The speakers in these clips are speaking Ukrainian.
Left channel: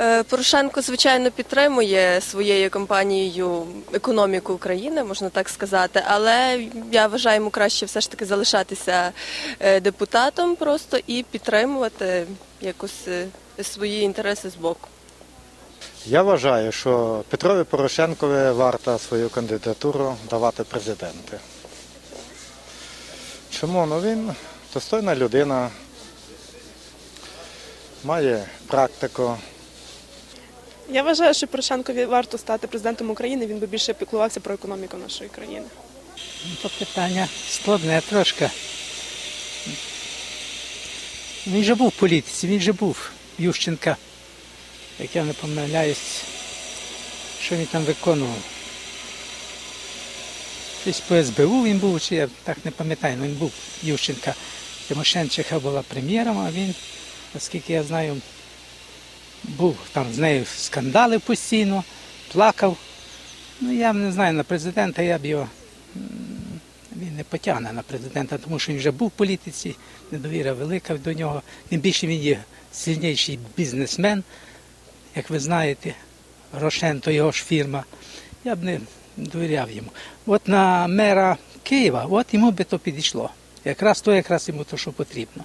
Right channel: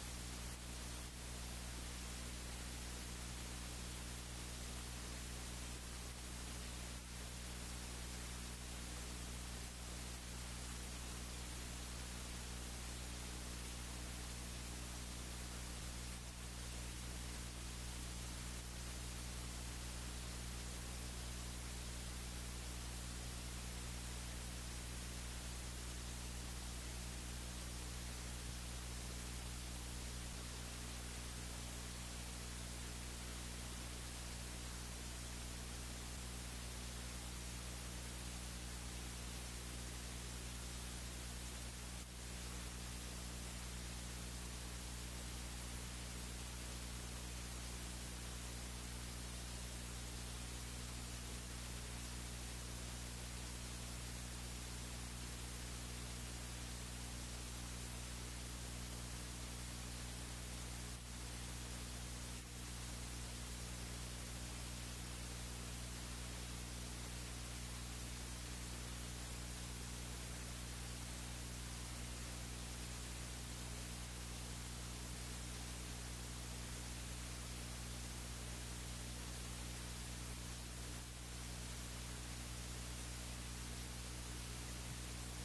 Е, Порошенко, звичайно, підтримує своєю компанією економіку України, можна так сказати, але я вважаю йому краще все ж таки залишатися е, депутатом просто і підтримувати якось е, свої інтереси з боку. Я вважаю, що Петрові Порошенкові варто свою кандидатуру давати президенти. Чому? Ну він достойна людина, має практику. Я вважаю, що Порошенкові варто стати президентом України. Він би більше піклувався про економіку нашої країни. Ну, То питання складне трошки. Він же був в політиці, він же був Ющенка, як я не помиляюсь, що він там виконував. Десь по СБУ він був, чи я так не пам'ятаю, але він був Ющенка. Тимошенчиха була прем'єром, а він, наскільки я знаю, був там з нею скандалив постійно, плакав. Ну, я не знаю, на президента я б його він не потягне на президента, тому що він вже був в політиці, недовіра велика до нього. Тим більше він є сильніший бізнесмен, як ви знаєте, Рошен то його ж фірма. Я б не довіряв йому. От на мера Києва, от йому би то підійшло. Якраз то, якраз йому то, що потрібно.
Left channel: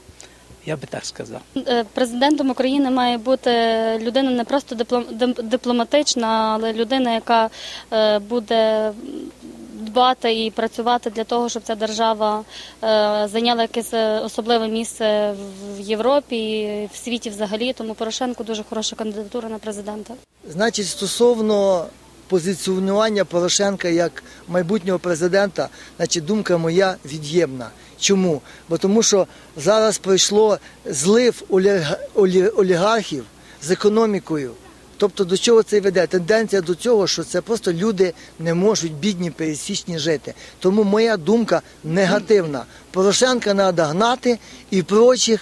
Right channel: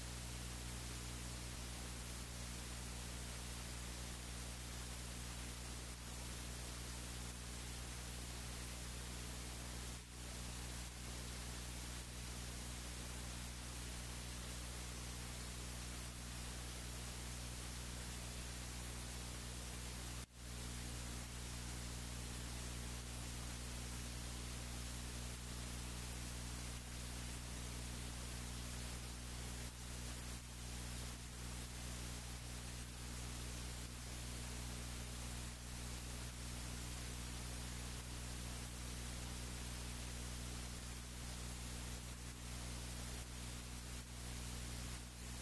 Я би так сказав. Е, Президентом України має бути людина не просто диплом- дипломатична, але людина, яка е, буде дбати і працювати для того, щоб ця держава е, зайняла якесь особливе місце в Європі і в світі взагалі. Тому Порошенко дуже хороша кандидатура на президента. Значить, стосовно позиціонування Порошенка як майбутнього президента, значить, думка моя від'ємна. Чому? Бо тому що зараз пройшло злив олігархів з економікою. Тобто до чого це веде? Тенденція до цього, що це просто люди не можуть бідні пересічні жити. Тому моя думка негативна. Порошенка треба гнати і прочих